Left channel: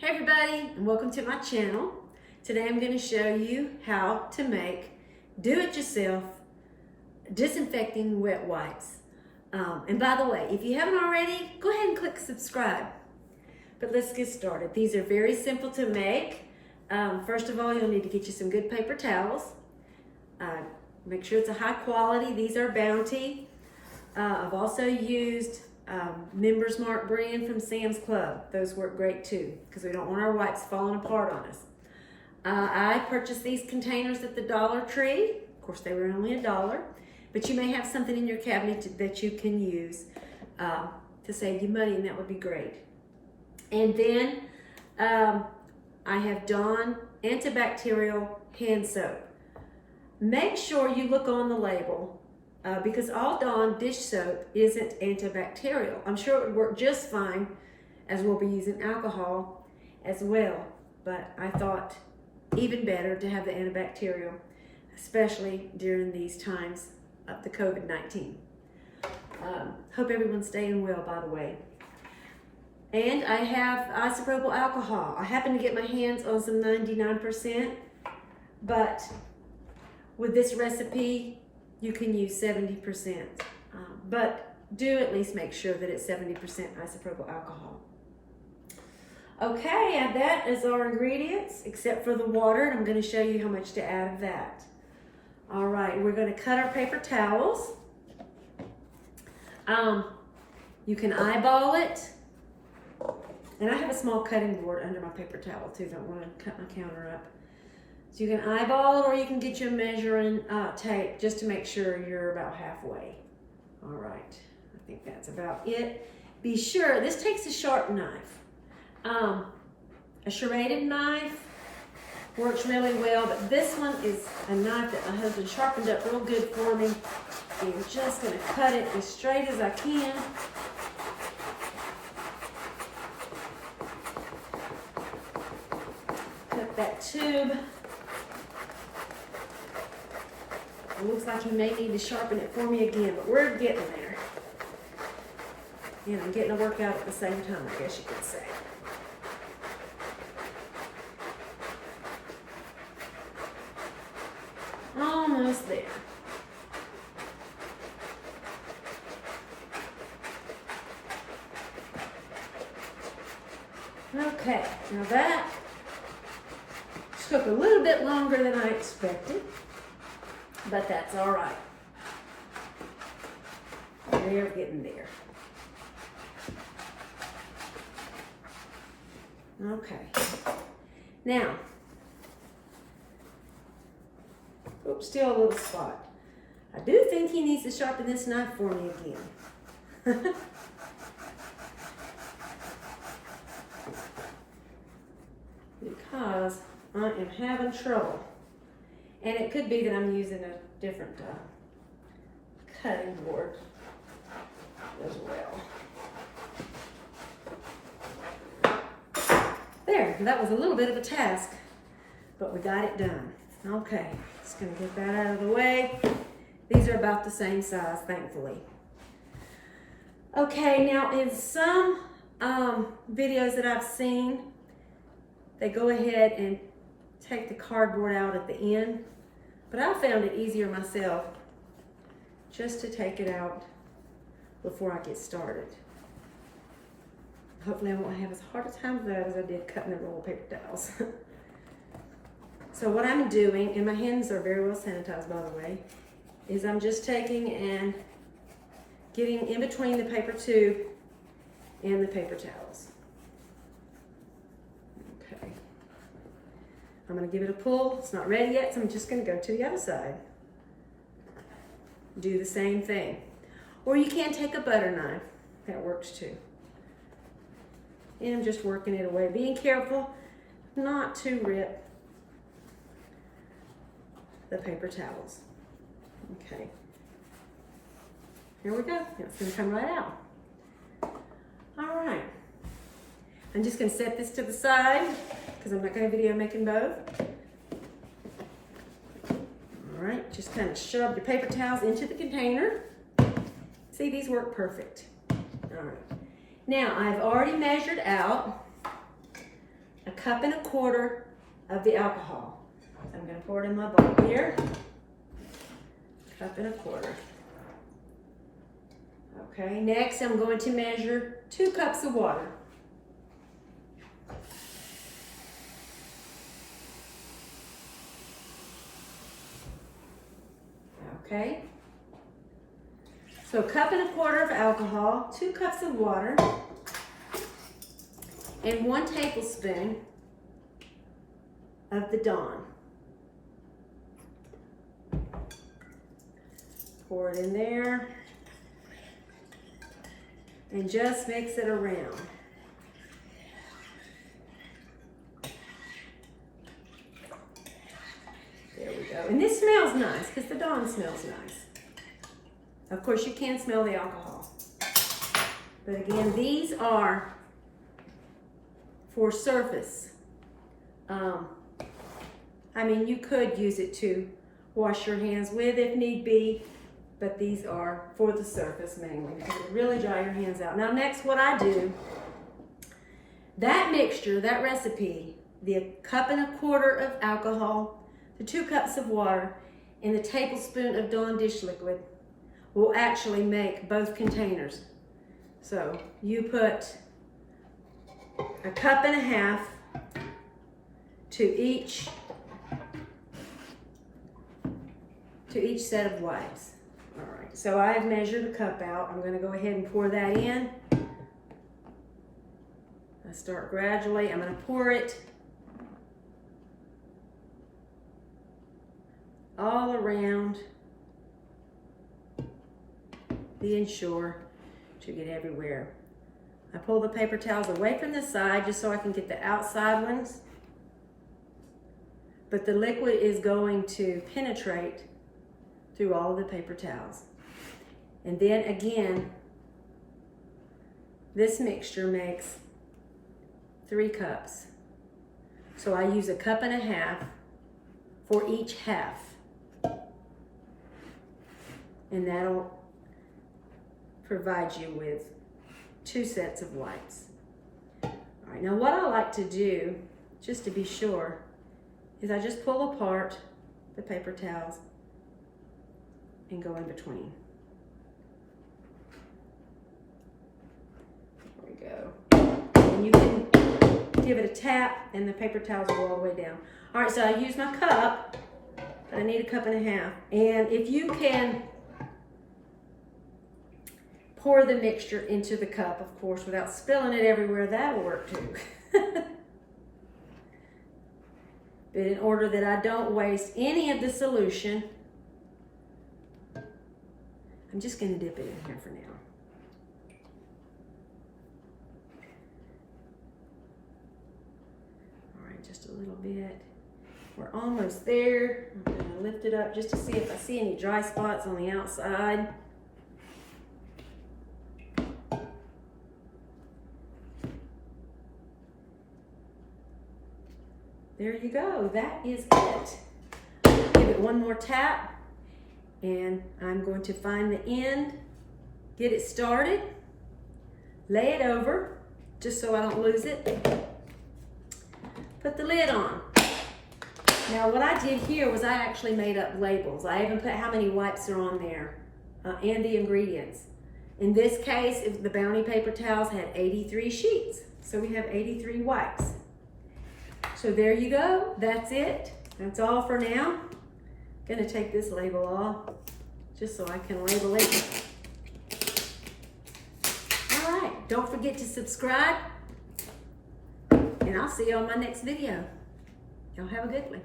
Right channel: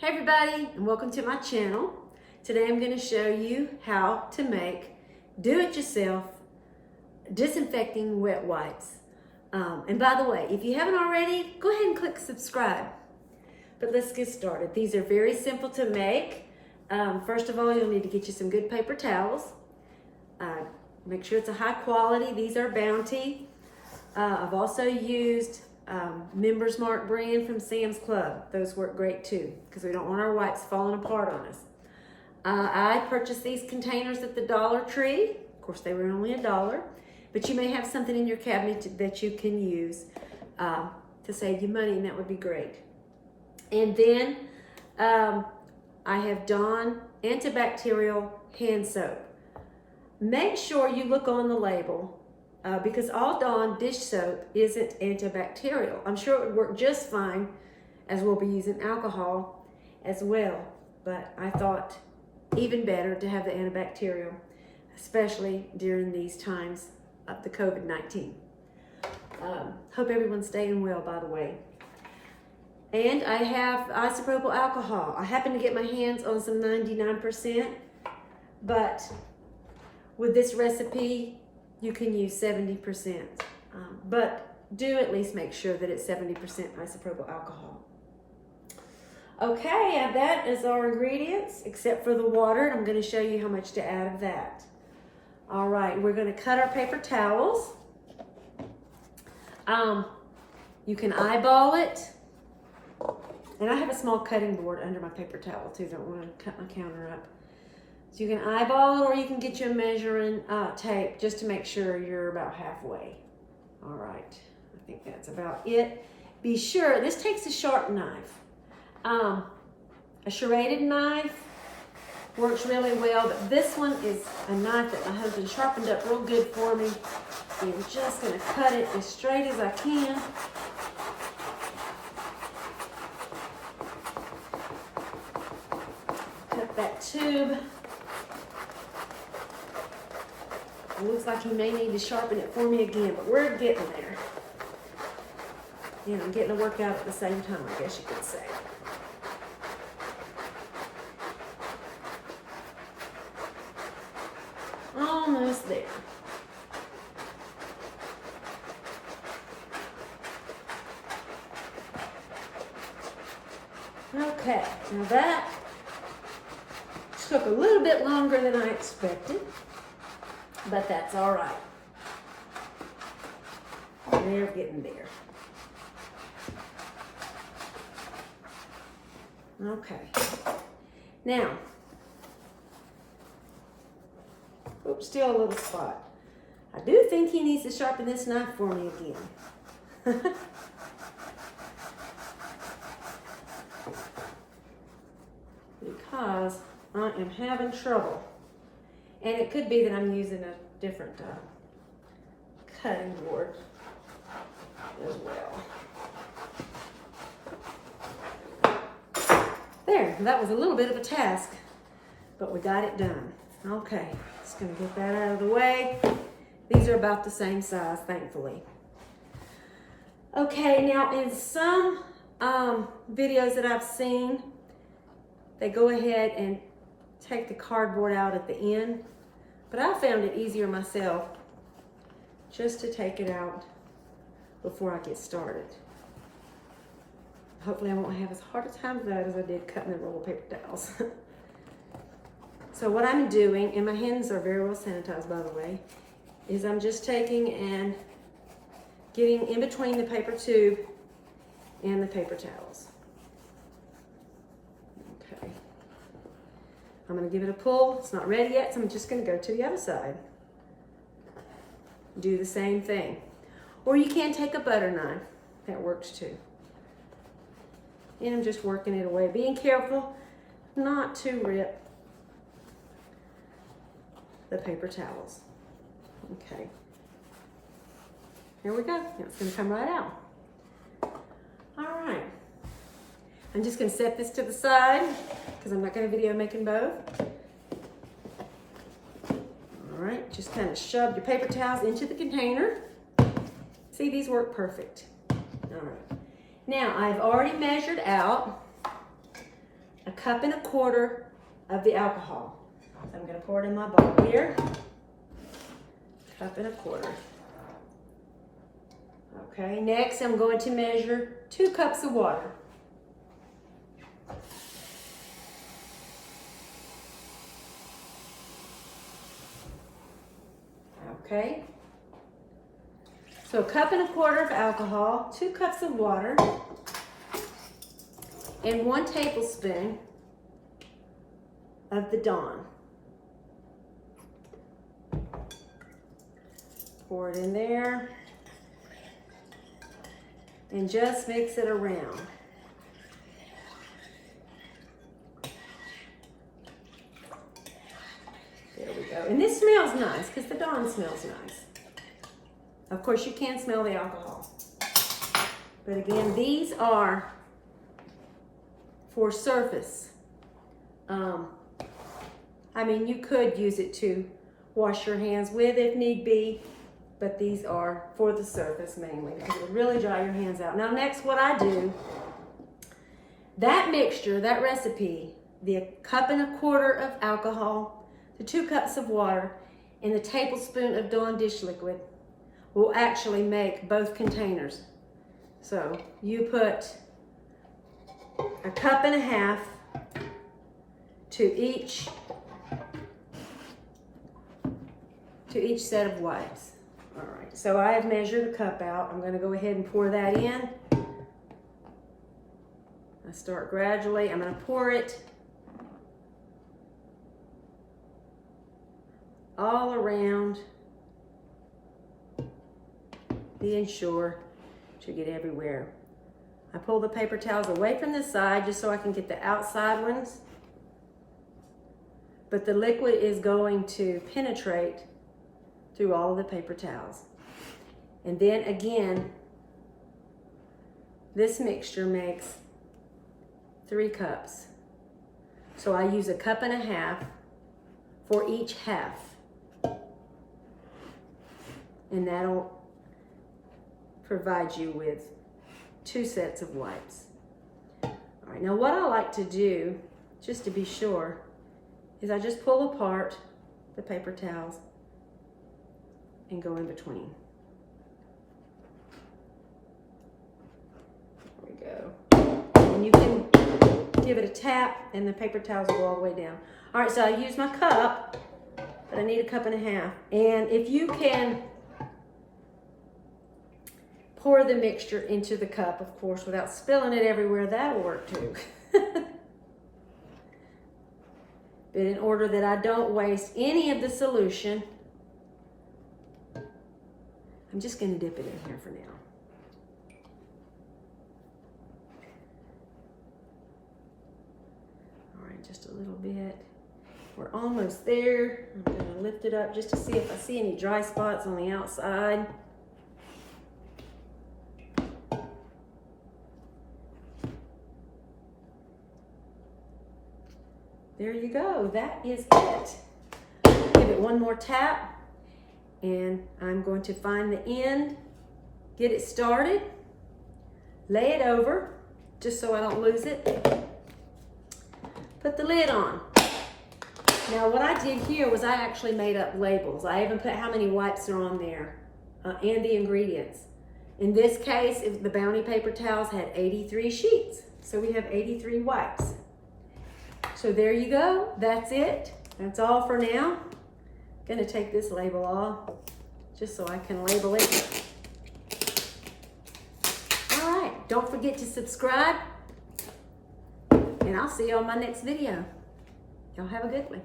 Hey everybody, and welcome to my channel. Today I'm going to show you how to make do-it-yourself disinfecting wet wipes. And by the way, if you haven't already, go ahead and click subscribe. But let's get started. These are very simple to make. First of all, you'll need to get you some good paper towels. Make sure it's a high quality. These are Bounty. I've also used Members Mark brand from Sam's Club. Those work great too, because we don't want our wipes falling apart on us. I purchased these containers at the Dollar Tree. Of course, they were only $1, but you may have something in your cabinet that you can use to save you money, and that would be great. And then I have Dawn antibacterial hand soap. Make sure you look on the label. Because all Dawn dish soap isn't antibacterial. I'm sure it would work just fine, as we'll be using alcohol as well. But I thought even better to have the antibacterial, especially during these times of the COVID-19. Hope everyone's staying well, by the way. And I have isopropyl alcohol. I happen to get my hands on some 99%, but with this recipe, you can use 70%, but do at least make sure that it's 70% isopropyl alcohol. Okay, and that is our ingredients, except for the water, and I'm going to show you how much to add of that. All right, we're going to cut our paper towels. You can eyeball it, and I have a small cutting board under my paper towel too. Don't want to cut my counter up. So you can eyeball it, or you can get your measuring tape just to make sure you're about halfway. All right, I think that's about it. Be sure, this takes a sharp knife. A serrated knife works really well, but this one is a knife that my husband sharpened up real good for me. And I'm just gonna cut it as straight as I can. Cut that tube. It looks like he may need to sharpen it for me again, but we're getting there. You know, getting to work out at the same time, I guess you could say. Almost there. Okay, now that took a little bit longer than I expected, but that's all right. We're getting there. Okay. Now, oops, still a little spot. I do think he needs to sharpen this knife for me again. Because I am having trouble. And it could be that I'm using a different cutting board as well. There, that was a little bit of a task, but we got it done. Okay, just gonna get that out of the way. These are about the same size, thankfully. Okay, now in some videos that I've seen, they go ahead and take the cardboard out at the end, but I found it easier myself just to take it out before I get started. Hopefully I won't have as hard a time with that as I did cutting the roll of paper towels. So what I'm doing, and my hands are very well sanitized by the way, is I'm just taking and getting in between the paper tube and the paper towels. Okay. I'm going to give it a pull. It's not ready yet, so I'm just going to go to the other side. Do the same thing. Or you can take a butter knife. That works too. And I'm just working it away. Being careful not to rip the paper towels. Okay. Here we go. It's going to come right out. All right. I'm just going to set this to the side because I'm not going to video making both. All right, just kind of shove your paper towels into the container. See, these work perfect. All right. Now, I've already measured out 1.25 cups of the alcohol. So I'm going to pour it in my bowl here. 1.25 cups. Okay, next I'm going to measure 2 cups of water. Okay, so 1.25 cups of alcohol, 2 cups of water, and 1 tablespoon of the Dawn. Pour it in there and just mix it around. There we go. And this smells nice because the Dawn smells nice. Of course, you can smell the alcohol. But again, these are for surface. I mean, you could use it to wash your hands with if need be, but these are for the surface mainly because it will really dry your hands out. Now next, what I do, that mixture, that recipe, the 1.25 cups of alcohol, the 2 cups of water, and the tablespoon of Dawn dish liquid will actually make both containers. So you put 1.5 cups to each set of wipes. All right, so I have measured a cup out. I'm going to go ahead and pour that in. I start gradually. I'm going to pour it all around the Ensure to get everywhere. I pull the paper towels away from the side just so I can get the outside ones, but the liquid is going to penetrate through all of the paper towels. And then again, this mixture makes 3 cups. So I use 1.5 cups for each half. And that'll provide you with 2 sets of wipes. All right, now what I like to do, just to be sure, is I just pull apart the paper towels and go in between. There we go. And you can give it a tap and the paper towels will go all the way down. All right, so I use my cup, but I need 1.5 cups. And if you can pour the mixture into the cup, of course, without spilling it everywhere, that'll work too. But in order that I don't waste any of the solution, I'm just going to dip it in here for now. All right, just a little bit. We're almost there. I'm going to lift it up just to see if I see any dry spots on the outside. There you go. That is it. Give it one more tap, and I'm going to find the end, get it started, lay it over, just so I don't lose it. Put the lid on. Now what I did here was I actually made up labels. I even put how many wipes are on there and the ingredients. In this case, the Bounty paper towels had 83 sheets. So we have 83 wipes. So there you go, that's it. That's all for now. Gonna take this label off just so I can label it. All right, don't forget to subscribe, and I'll see you on my next video. Y'all have a good one.